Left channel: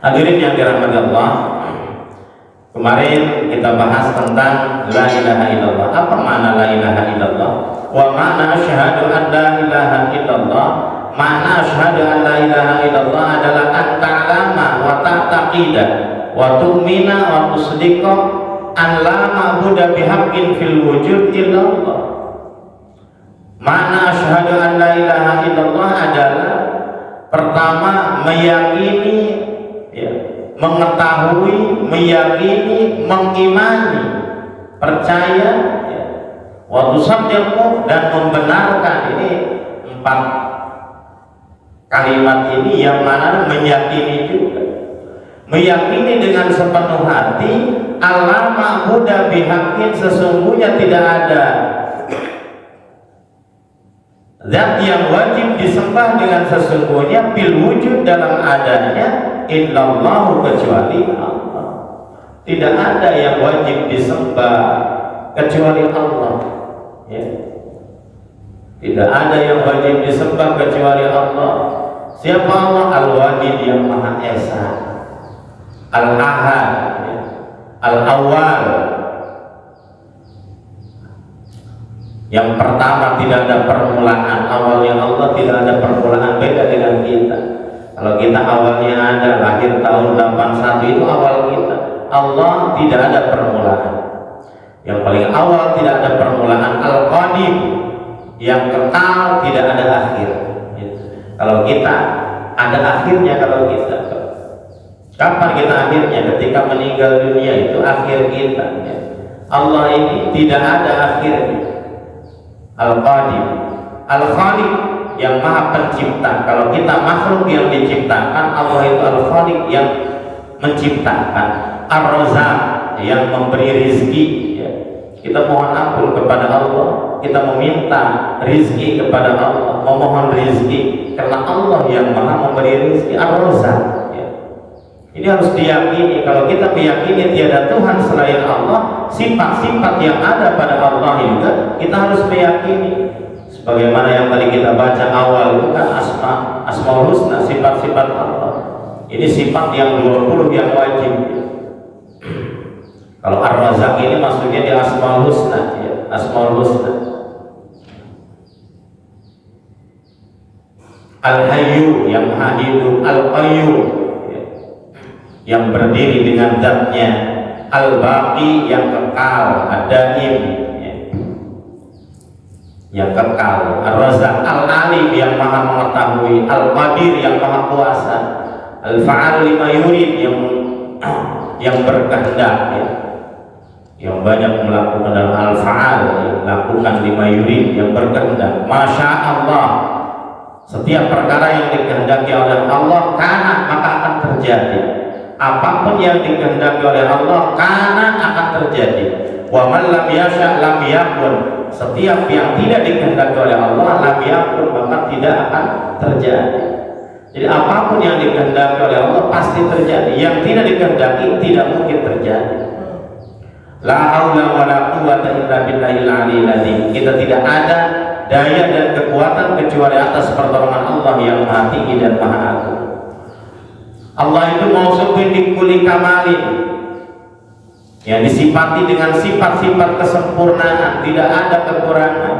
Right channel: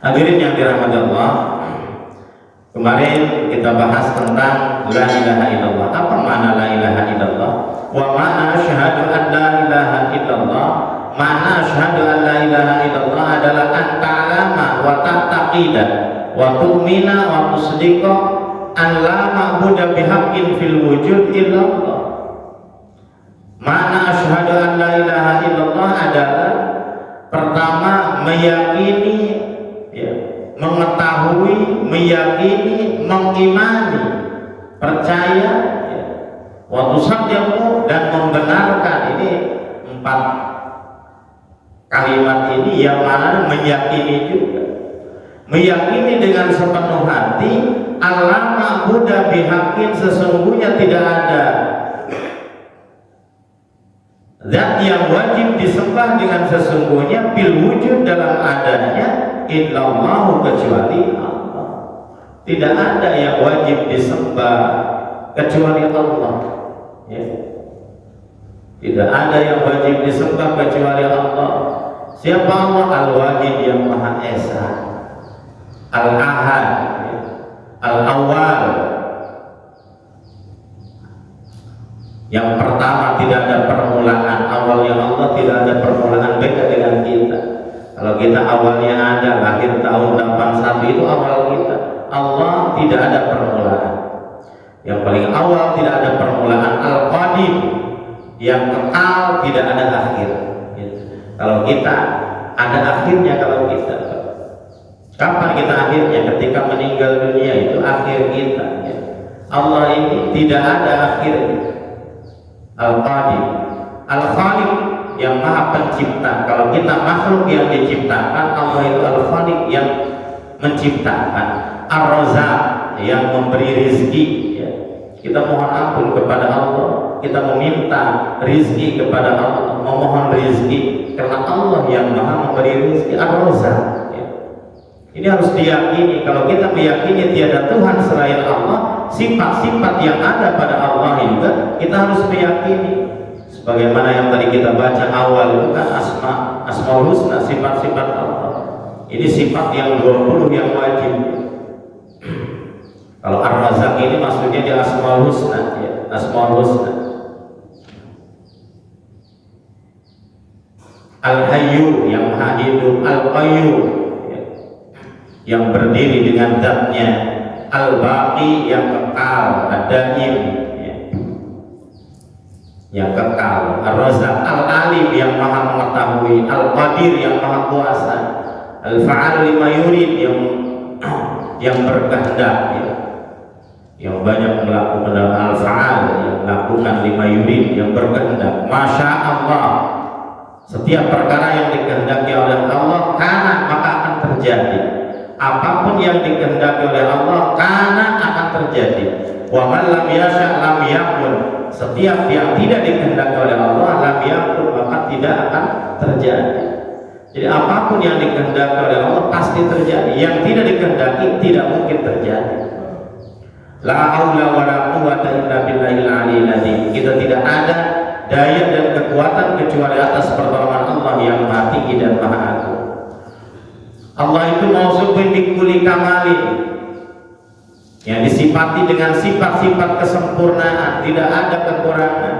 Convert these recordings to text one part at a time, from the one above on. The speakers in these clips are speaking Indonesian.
Hadirin yang dirahmati Allah, kemarin kita bahas tentang la ilaha illallah. Apa makna la ilaha illallah? Wa makna asyhadu an la ilaha illallah. Makna asyhadu an la ilaha illallah adalah an ta'lama wa ta'taqida wa tu'mina wa tusdiqa an la ma'budu bihaqqin fil wujud illallah. Makna asyhadu an la ilaha illallah adalah pertama meyakini, mengetahui, meyakini, mengimani, percaya, wa tusaddiqu dan membenarkan. Ini 4 kalimat ini yang mana meyakini juga. Meyakini dengan sepenuh hati Allah ma'budu bihaqqin, sesungguhnya tidak ada zat yang wajib disembah dengan sesungguhnya bil wujud dalam adanya illallahu kecuali Allah. Tidak ada yang wajib disembah kecuali Allah, ya. Tidak ada yang wajib disembah kecuali Allah. Siapa Allah? Al-Wahid yang Maha Esa, Al-Ahad, ya. Al-Awwal, yang pertama, tidak ada permulaan. Awalnya Allah tidak ada permulaan, beda dengan kita. Kalau kita awalnya ada, lahir tahun 81 itu awal kita. Allah tidak ada permulaan. Yang paling awal tidak ada permulaan. Al-Qadim, yang kekal, tidak ada akhir. Kalau kita ada akhirnya. Kalau kita kapan kita akhirnya? Ketika meninggal dunia, itu akhir kita. Allah ini tidak ada akhirnya. Al-Qadim, Al-Khaliq, yang Maha Pencipta. Kalau kita makhluk yang diciptakan, Allah itu Al-Khaliq yang menciptakan. Ar-Razzaq, yang memberi rizki, ya. Kita mohon ampun kepada Allah, kita meminta rizki kepada Allah, memohon rizki karena Allah yang Maha memberi rizki. Ar-Razzaq, ya. Ini harus diyakini. Kalau kita meyakini tiada Tuhan selain Allah, sifat-sifat yang ada pada Allah juga kita harus meyakini. Sebagaimana yang tadi kita baca awal itu kan Asmaul Husna, sifat-sifat Allah. Ini sifat yang 20 yang wajib. Kalau Ar-Razzaq ini maksudnya di Asmaul Husna, ya, Asmaul Husna. Al-Hayyu, yang Maha Hidup. Al-Qayyum, ya, yang berdiri dengan zatnya. Al-Baqi, yang kekal. Ad-Daim, ya, yang kekal. Ar-Razzaq, Al-Alim, yang Maha mengetahui. Al-Qadir, yang Maha kuasa. Al-Fa'al lima yurid, yang berkehendak, ya, yang banyak melakukan. Al-Fa'al, yang melakukan lima yurid, yang berkehendak. Masya Allah, setiap perkara yang dikehendaki oleh Allah kana, maka akan terjadi. Apapun yang dikehendaki oleh Allah kana, akan terjadi. Wa man lam yasha lam yakun, setiap yang tidak dikehendaki oleh Allah lam yakun, maka tidak akan terjadi. Jadi apapun yang dikehendaki oleh Allah pasti terjadi. Yang tidak dikehendaki tidak mungkin terjadi. La haula wala quwwata illa billahil aliyyil azim. Kita tidak ada daya dan kekuatan kecuali atas pertolongan Allah yang Maha Tinggi dan Maha Agung. Allah itu mausufun bi kulli kamalin, yang disifati dengan sifat-sifat kesempurnaan, tidak ada kekurangan.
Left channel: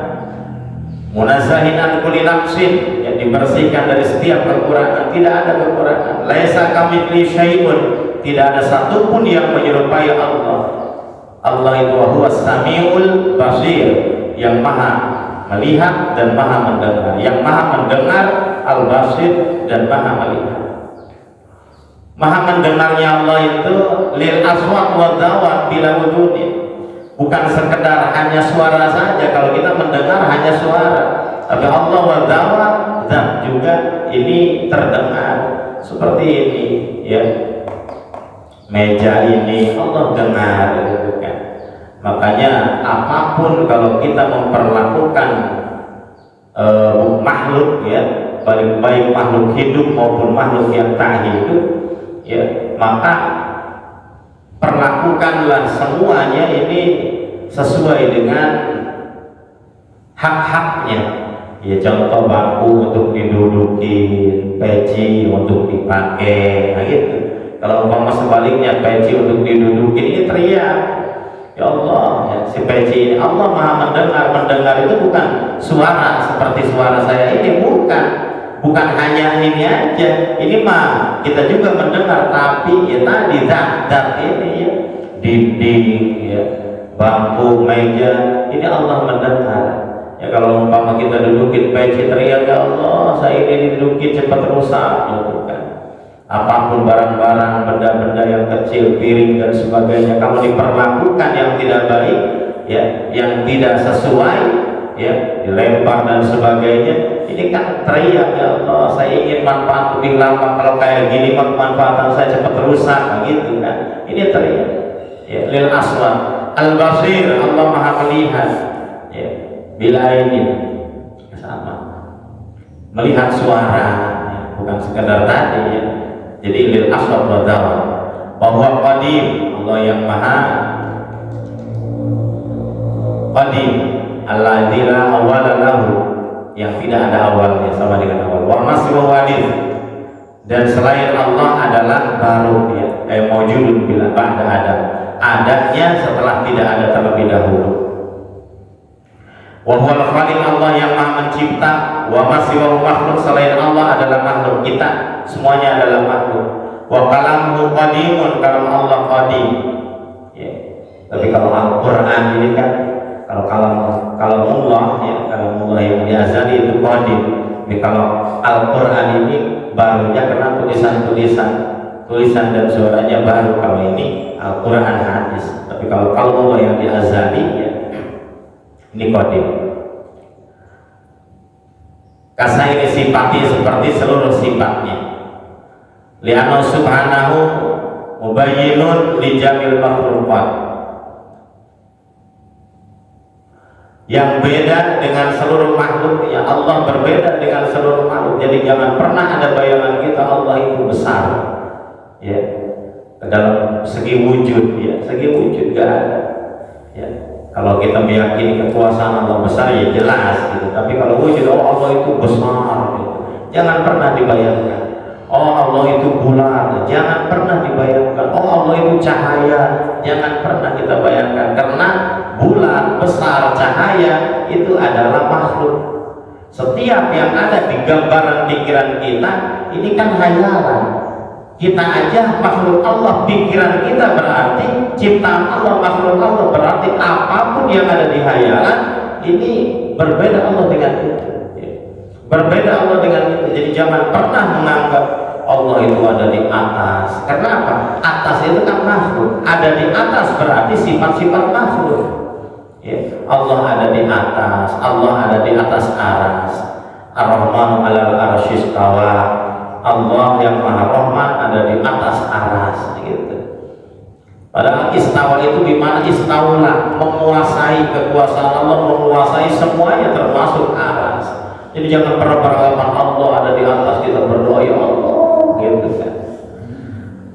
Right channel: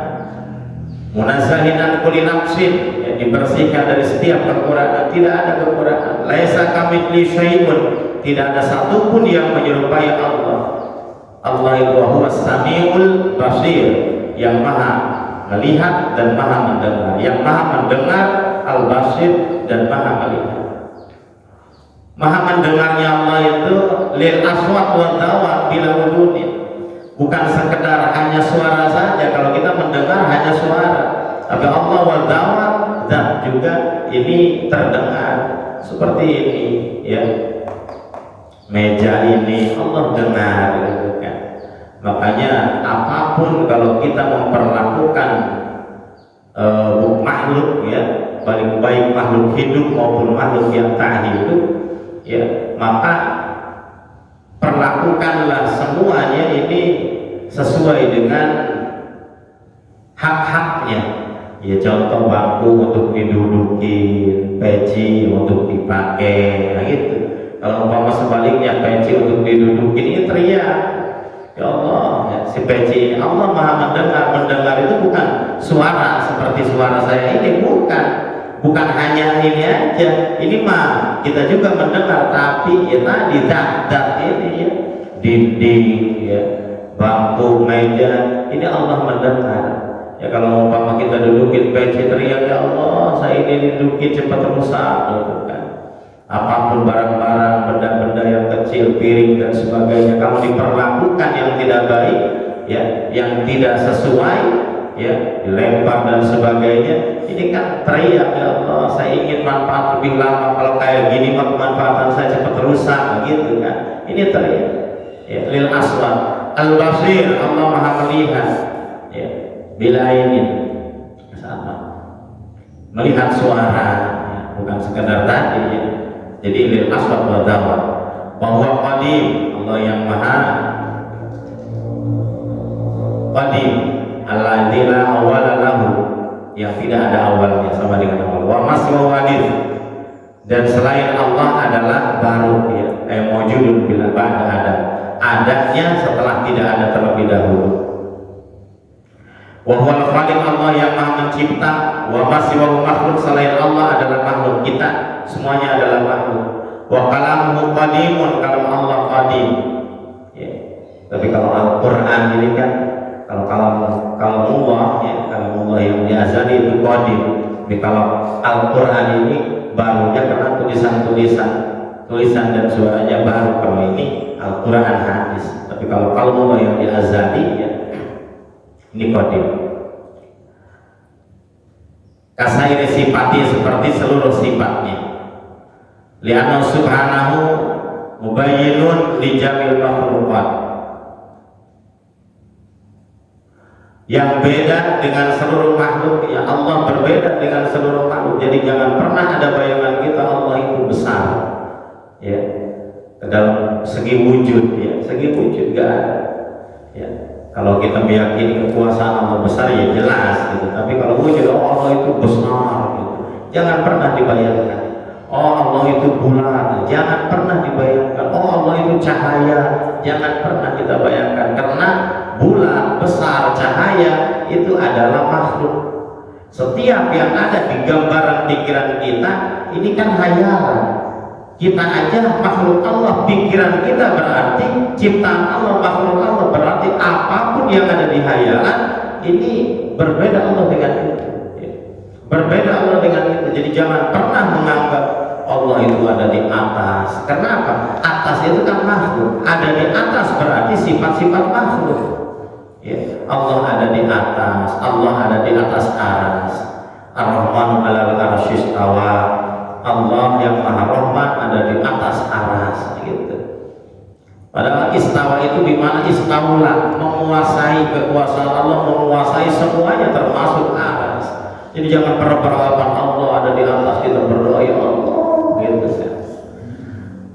Munazzahin an kulli nafsin, yang dibersihkan dari setiap kekurangan, tidak ada kekurangan. Laisa kamitslihi syai'un, tidak ada satupun yang menyerupai Allah. Allah itu huwas samiul basir, yang Maha melihat dan Maha mendengar, yang Maha mendengar, al-basir, dan Maha melihat. Maha mendengarnya Allah itu lil aswat wa dawat bila wujudin, bukan sekedar hanya suara saja. Kalau kita mendengar hanya suara, tapi Allah wa dawat, dan juga ini terdengar. Seperti ini, ya, meja ini Allah dengar, gitu kan. Makanya apapun kalau kita memperlakukan makhluk, ya, baik makhluk hidup maupun makhluk yang tak hidup, ya, maka perlakukanlah semuanya ini sesuai dengan hak-haknya. Ya, contoh bangku untuk diduduki, peci untuk dipakai, nah gitu. Kalau umpama sebaliknya peci untuk didudukin, ini teriak. Ya Allah, ya, si peci ini Allah Maha mendengar. Mendengar itu bukan suara seperti suara saya ini, bukan hanya ini aja. Ini mah kita juga mendengar, tapi ya tadi dat ini ya, dinding ya, bangku, meja, ini Allah mendengar. Ya kalau umpama kita dudukin peci teriak, ya Allah saya ini didudukin cepat rusak, bukan. Apapun barang-barang, benda-benda yang kecil, piring dan sebagainya, kamu diperlakukan yang tidak baik, ya, yang tidak sesuai, ya, dilempar dan sebagainya, ini kan teriak, ya Allah saya ingin manfaat lebih lama, kalau kayak gini mah kemanfaatan saya cepat rusak, gitu kan. Ini teriak, ya, lil aswad al basir, Allah Maha melihat, ya, bila ini sama melihat suara, ya, bukan sekedar tadi, ya. Jadi lil aswad wa dawat wa huwa qadim, Allah yang maha qadim, alladzi la awwala lahu, yang tidak ada awalnya sama dengan awal, wa maswa wadid, dan selain Allah adalah baru, ya, mawjudun bila ba'da ada, adanya setelah tidak ada terlebih dahulu. Wa huwal khaliq, Allah yang maha mencipta, wa maswa makhluk, selain Allah adalah makhluk, kita semuanya adalah makhluk. Wa kalamuhu qadimun, kalau Allah qadim, ya. Tapi kalau Al-Quran ini kan, kalau Allah, ya, kalau Allah yang azali itu qadim. Tapi kalau Al-Quran ini barunya karena tulisan dan suaranya baru. Kalau ini Al-Quran hadis. Tapi kalau Allah yang azali, ya, ini qadim. Karena ini sifatnya seperti seluruh sifatnya. Li'annahu subhanahu mubayyinun li jamil makhluqat, yang beda dengan seluruh makhluk, ya Allah berbeda dengan seluruh makhluk. Jadi jangan pernah ada bayangan kita Allah itu besar, ya, dalam segi wujud, ya, segi wujud gak ada, ya. Kalau kita meyakini kekuasaan Allah besar, ya jelas gitu. Tapi kalau wujud, oh Allah itu besar, gitu, jangan pernah dibayangkan. Oh Allah itu bulat, jangan pernah dibayangkan. Oh Allah itu cahaya, jangan pernah kita bayangkan. Karena bulat, besar, cahaya itu adalah makhluk. Setiap yang ada di gambaran pikiran kita ini kan hayalan. Kita aja makhluk Allah, pikiran kita berarti ciptaan Allah, makhluk Allah, berarti apapun yang ada di hayalan ini berbeda Allah dengan itu. Berbeda Allah dengan itu. Jadi jangan pernah menganggap Allah itu ada di atas. Kenapa? Atas itu kan makhluk. Ada di atas berarti sifat-sifat makhluk, ya. Allah ada di atas. Allah ada di atas aras. Ar-Rahmanu 'alal arsy istawa. Allah yang Maha Rahman ada di atas aras, gitu. Padahal istawa itu di mana? Istaulah, menguasai, kekuasaan Allah menguasai semuanya termasuk aras. Jadi jangan pernah beranggapan Allah ada di atas, kita berdoa ya Allah, gitu kan.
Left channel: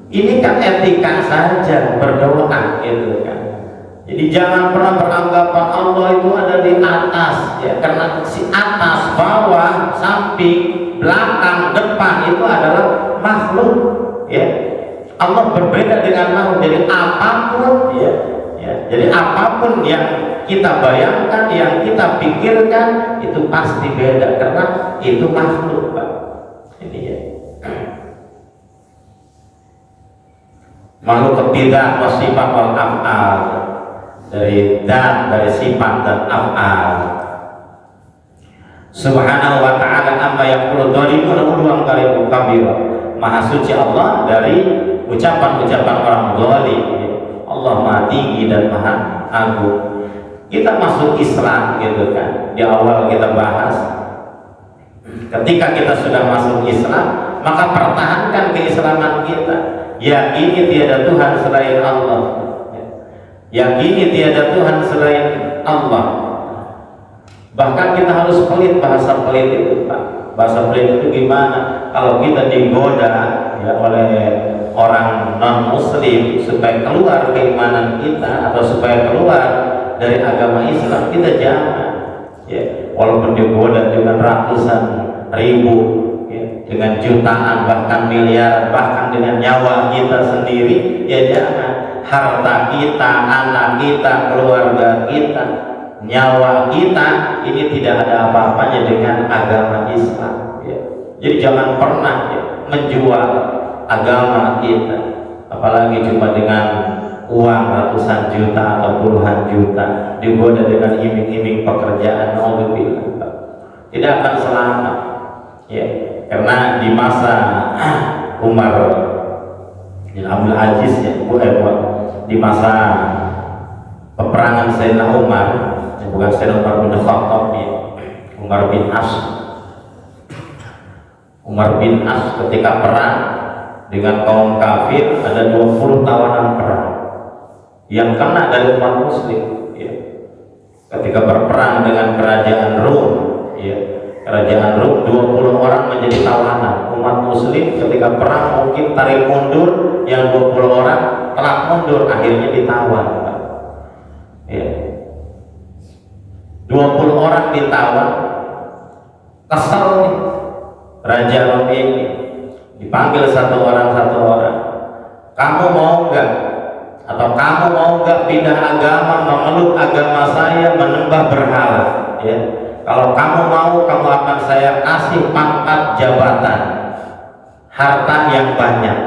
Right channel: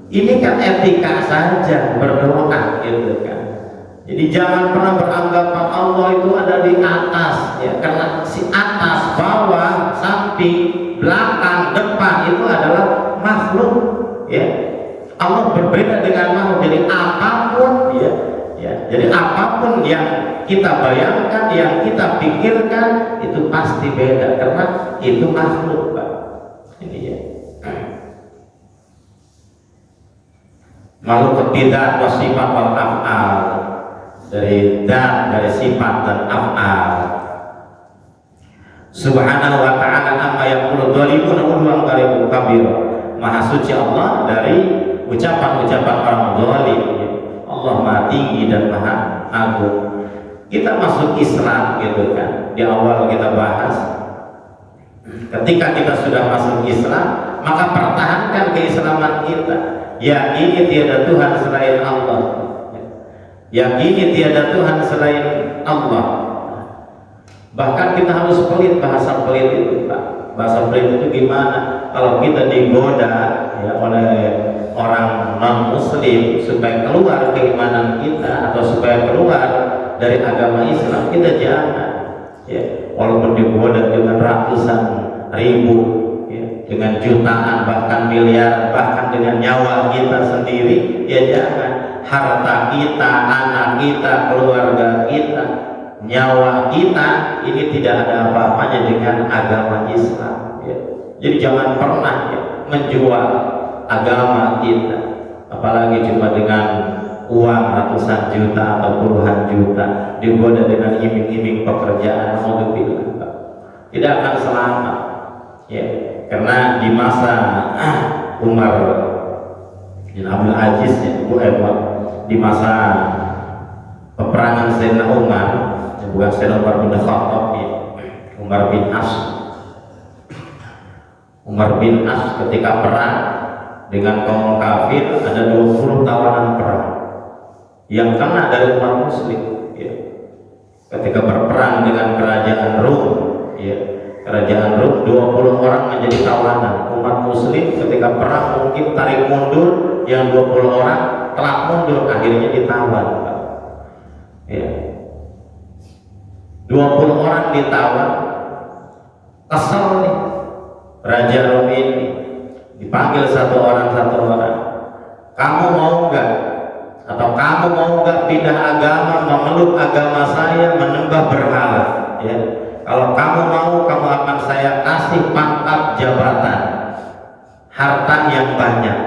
Ini kan etika saja berdoa, gitu kan. Jadi jangan pernah beranggapan Allah itu ada di atas, ya, karena si atas, bawah, samping, belakang, depan itu adalah makhluk, ya. Allah berbeda dengan makhluk. Jadi apapun, ya, jadi apapun yang kita bayangkan, yang kita pikirkan itu pasti beda karena itu makhluk, Pak. Ini ya. Makhluk tidak wasifat wal af'al, dari dan dari sifat dan af'al. Subhanahu wa ta'ala amma yaqulu dhalimun uluwan kabir. Maha suci Allah dari ucapan-ucapan orang zalim. Allah Maha tinggi dan Maha agung. Kita masuk Islam, gitu kan. Di awal kita bahas, ketika kita sudah masuk Islam, maka pertahankan keislaman kita. Yakini tiada Tuhan selain Allah. Yakini tiada Tuhan selain Allah. Bahkan kita harus pelit, bahasa pelit itu, Pak. Bahasa pelit itu gimana? Kalau kita digoda, ya, oleh orang non muslim supaya keluar keimanan kita atau supaya keluar dari agama Islam, kita jangan, ya, walaupun digoda dengan ratusan ribu, ya, ya, dengan jutaan bahkan miliaran, bahkan dengan nyawa kita sendiri, ya jangan. Harta kita, anak kita, keluarga kita, nyawa kita ini tidak ada apa-apanya dengan agama Islam ya. Jadi jangan pernah ya, menjual agama kita, apalagi cuma dengan uang ratusan juta atau puluhan juta, digoda dengan iming-iming pekerjaan, alhamdulillah tidak akan selamat ya. Karena di masa Umar bin Abdul Aziz ya, di masa peperangan Sayyidina Umar, bukan Sayyidina Umar bin Khattab ya, Umar bin As. Umar bin As ketika perang dengan kaum kafir, ada 20 tawanan perang yang kena dari umat muslim ya. Ketika berperang dengan kerajaan Rom ya, kerajaan Rom 20 orang menjadi tawanan umat muslim. Ketika perang mungkin tarik mundur, yang 20 orang kelak mundur, akhirnya ditawan ya. 20 orang ditawan, kesal nih Raja Rom ini, dipanggil satu orang, kamu mau nggak, atau kamu mau nggak pindah agama, memeluk agama saya, menyembah berhala ya. Kalau kamu mau, kamu akan saya kasih pangkat jabatan, harta yang banyak.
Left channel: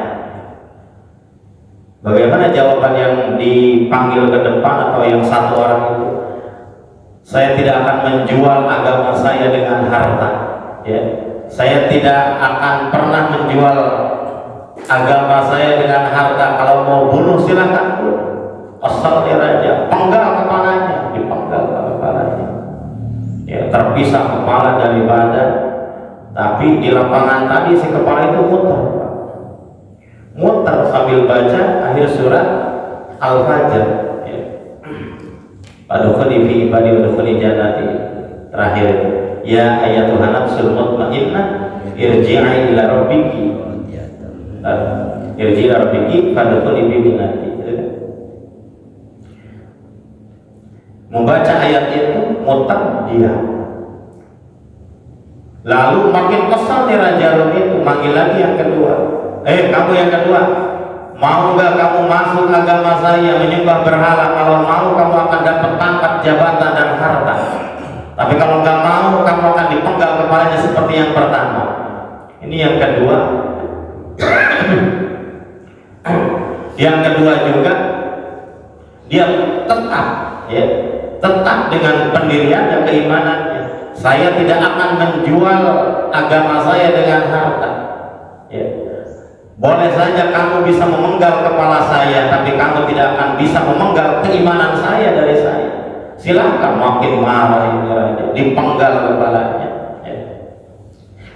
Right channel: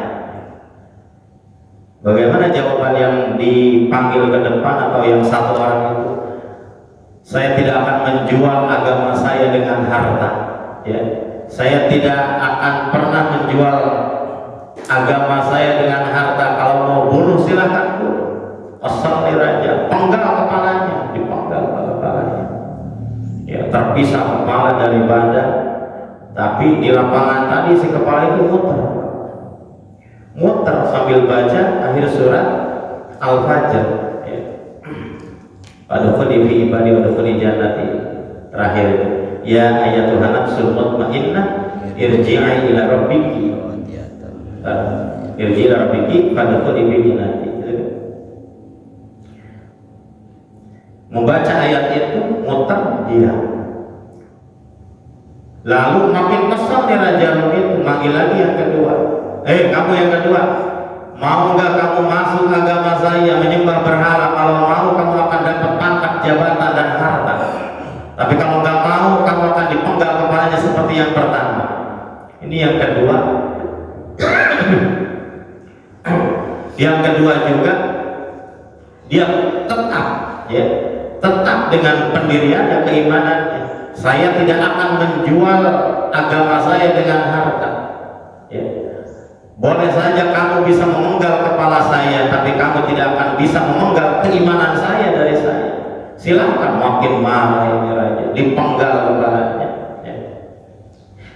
Bagaimana jawaban yang dipanggil ke depan atau yang satu orang itu? Saya tidak akan menjual agama saya dengan harta ya. Saya tidak akan pernah menjual agama saya dengan harta. Kalau mau bunuh silakan bunuh, asal dia raja, penggal kepalanya, dipenggal kepalanya ya, terpisah kepala dari badan. Tapi di lapangan tadi si kepala itu muter sambil baca akhir surat Al-Fajr ya. Padahal fi ibadi wa dukhuli jannati, terakhir itu ya ayatuhan nafsul mutmainnah irji'i ila rabbiki irji'i ila rabbiki fadkhuli fi jannati. Membaca ayat itu muter dia. Lalu makin kesal nih Raja Rom itu, manggil lagi yang kedua. Kamu yang kedua, mau nggak kamu masuk agama saya, menyembah berhala? Kalau mau, kamu akan dapat pangkat jabatan dan harta. Tapi kalau nggak mau, kamu akan dipenggal kepalanya seperti yang pertama. Ini yang kedua. Yang kedua juga, dia tetap dengan pendirian dan keimanannya. Saya tidak akan menjual agama saya dengan harta ya. Boleh saja kamu bisa memenggal kepala saya, tapi kamu tidak akan bisa memenggal keimanan saya dari saya. Silakan. Makin marah ini raja, dipenggal kepalanya ya.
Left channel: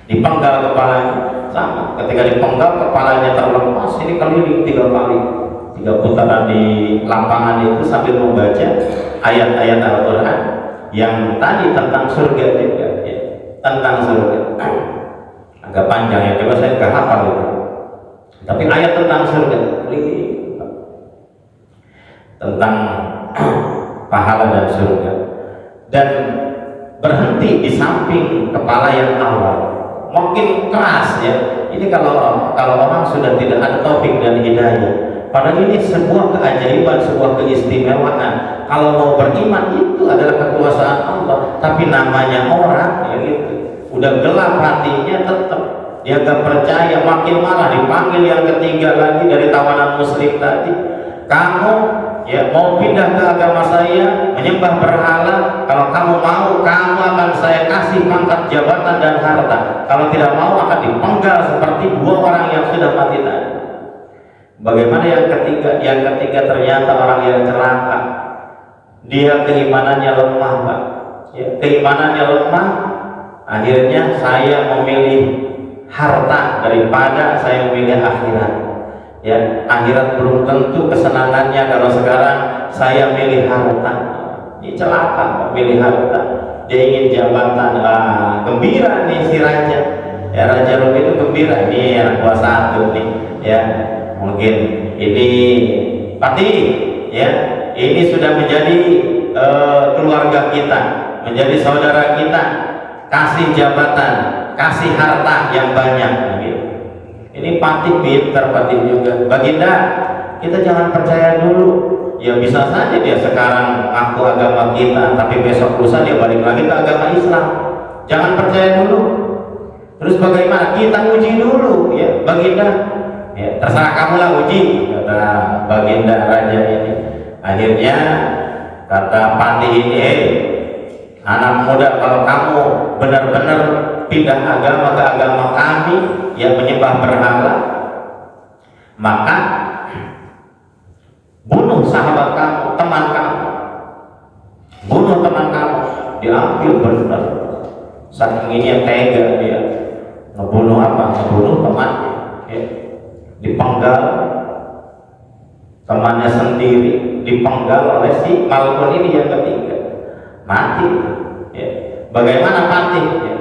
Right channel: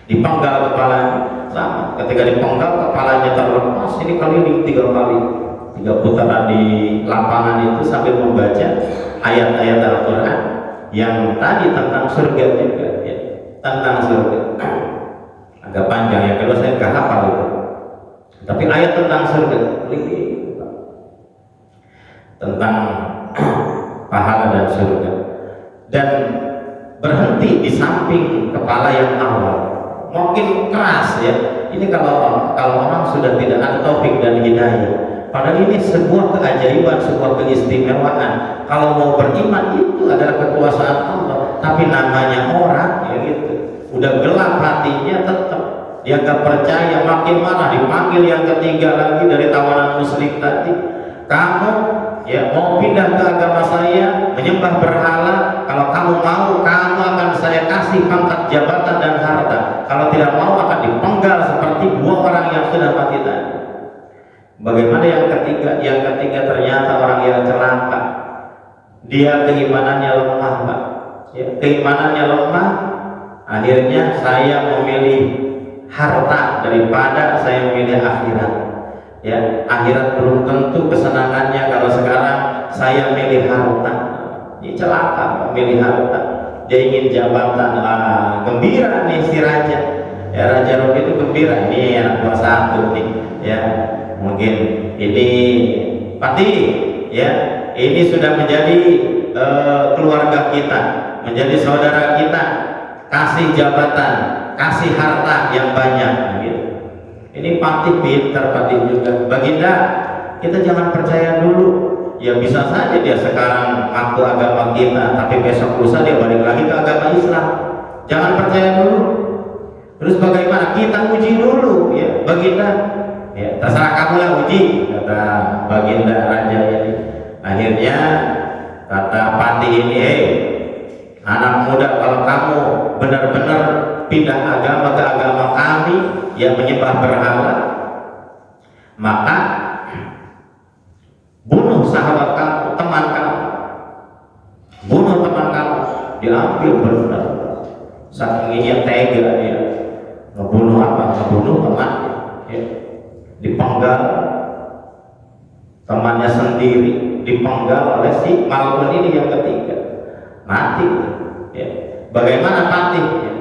Dipenggal kepalanya sama. Ketika dipenggal kepalanya terlepas, ini keliling 3 kali, 3 putaran di lapangan itu sambil membaca ayat-ayat Al-Quran yang tadi tentang surga juga ya. Tentang surga agak panjang ya, kalau saya nggak hafal itu, tapi ayat tentang surga tentang pahala dan surga, dan berhenti di samping kepala yang awal. Mungkin keras ya, ini kalau orang sudah tidak ada taufik dan hidayah. Padahal ini sebuah keajaiban, sebuah keistimewaan. Kalau mau beriman itu adalah kekuasaan Allah, tapi namanya orang ya gitu, udah gelap hatinya, tetap dia gak percaya, makin malah dipanggil yang ketiga lagi dari tawanan muslim tadi. Kamu ya mau pindah ke agama saya, menyembah berhala? Kalau kamu mau, kamu akan saya kasih pangkat jabatan dan harta. Kalau tidak mau, akan dipenggal seperti 2 orang yang sudah mati tadi. Bagaimana yang ketiga? Yang ketiga ternyata orang yang celaka. Dia keimanannya lemah, Pak. Ya, keimanannya lemah. Akhirnya saya memilih harta daripada saya memilih akhirat. Ya, akhirat belum tentu kesenangannya kalau sekarang saya milih harta. Ini celaka, memilih harta. Dia ingin jabatan, gembira nih si raja. Ya, Raja Rom itu gembira nih yang kuasa satu nih. Ya, mungkin ini pati ya, ini sudah menjadi keluarga kita, menjadi saudara kita, kasih jabatan, kasih harta yang banyak gitu. Ini Patih pintar, Patih juga. Baginda, kita jangan percaya dulu. Ya bisa saja dia sekarang aku agama kita, tapi besok lusa dia balik lagi ke agama Islam. Jangan percaya dulu. Terus bagaimana? Kita uji dulu ya, Baginda. Ya, terserah kamu lah uji, kata Baginda raja ini. Akhirnya kata Patih ini, anak muda, kalau kamu benar-benar pindah agama ke agama kami yang menyembah berhala, maka bunuh sahabat kamu, teman kamu, bunuh teman kamu. Diambil benar, saking ingin tega dia ngebunuh apa? Ngebunuh temannya ya. Dipenggal temannya sendiri, dipenggal oleh si Malkun ini yang ketiga, mati ya. Bagaimana Patih ya?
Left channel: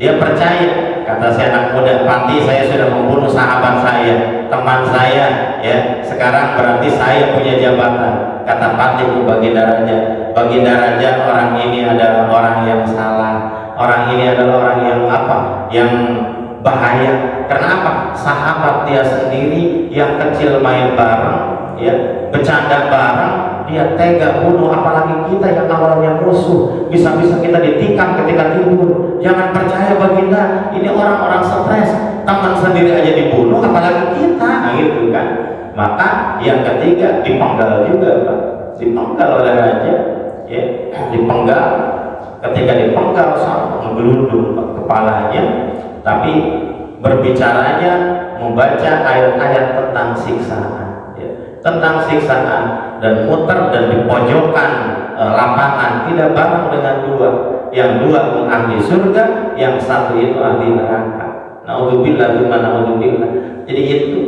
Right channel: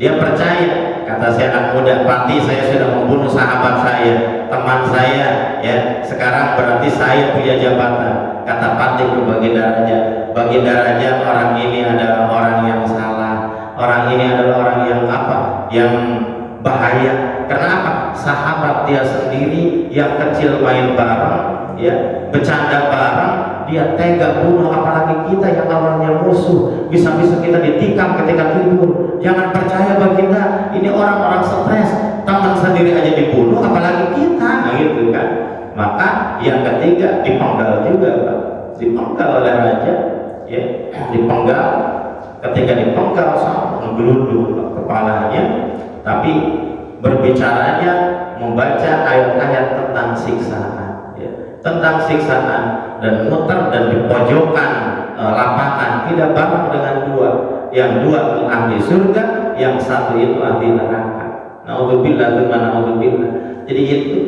Dia percaya, kata si anak muda, Patih, saya sudah membunuh sahabat saya, teman saya ya, sekarang berarti saya punya jabatan. Kata Patih ke Baginda Raja, Baginda Raja, orang ini adalah orang yang salah, orang ini adalah orang yang apa? Yang bahaya. Kenapa? Sahabat dia sendiri yang kecil main bareng ya, bercanda bareng, dia tega bunuh, apalagi kita yang awalnya musuh, bisa-bisa kita ditikam ketika tidur. Jangan percaya Baginda, ini orang-orang stres, teman sendiri aja dibunuh, apalagi kita, gitu kan. Maka yang ketiga dipenggal juga, Pak. Dipenggal oleh raja, ya, dipenggal. Ketika dipenggal, menggelundung kepalanya, tapi berbicaranya membaca ayat-ayat tentang siksaan, ya, tentang siksaan, dan muter dan di pojokan lapangan, tidak bareng dengan dua, yang dua ahli surga, yang satu itu ahli neraka. Naudzubillah, naudzubillah. Jadi itu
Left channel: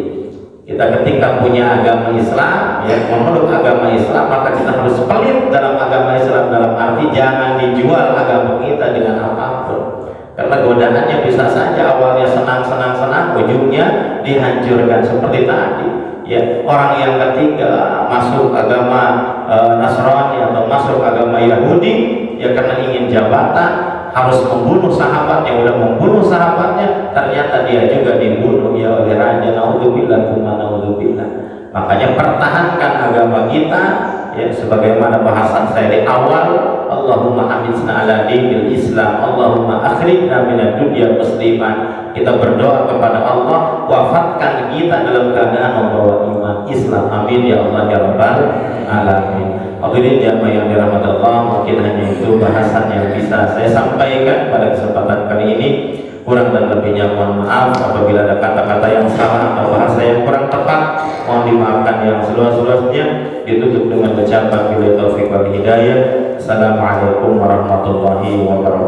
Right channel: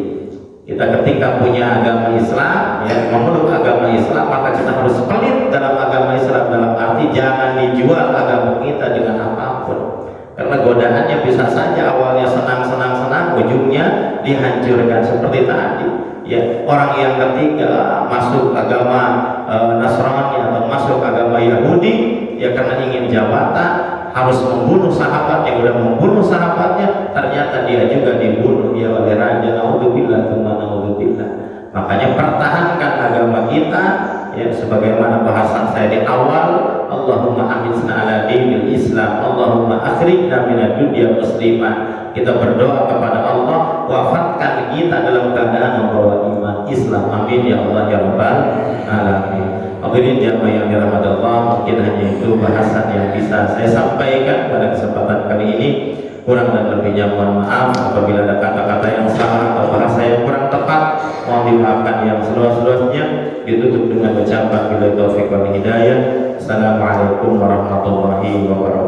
kita ketika punya agama Islam, ya, memeluk agama Islam, maka kita harus pelit dalam agama Islam, dalam arti jangan dijual agama kita dengan apapun, karena godaannya bisa saja awalnya senang-senang, ujungnya dihancurkan seperti tadi. Ya, orang yang ketiga masuk agama Nasrani atau masuk agama Yahudi, ya karena ingin jabatan, harus membunuh sahabatnya, udah membunuh sahabatnya, ternyata dia juga dibunuh ya oleh raja. Naudzubillah, naudzubillah. Makanya pertahankan agama kita, ya, sebagaimana bahasan saya di awal, Allahumma aminsna ala dinil Islam, Allahumma akhrijna minad dunya musliman. Kita berdoa kepada Allah, wafatkan kita dalam keadaan membawa iman Islam. Amin ya Allah ya Rabbal alamin. Hadirin jamaah yang dirahmati Allah, mungkin hanya itu bahasan yang bisa saya sampaikan pada kesempatan kali ini. Kurang dan lebihnya mohon maaf apabila ada kata-kata yang salah atau bahasa yang kurang tepat, mohon dimaafkan yang seluas-luasnya. Ditutup dengan ucapan bila taufiq wal hidayah. Assalamualaikum warahmatullahi wabarakatuh.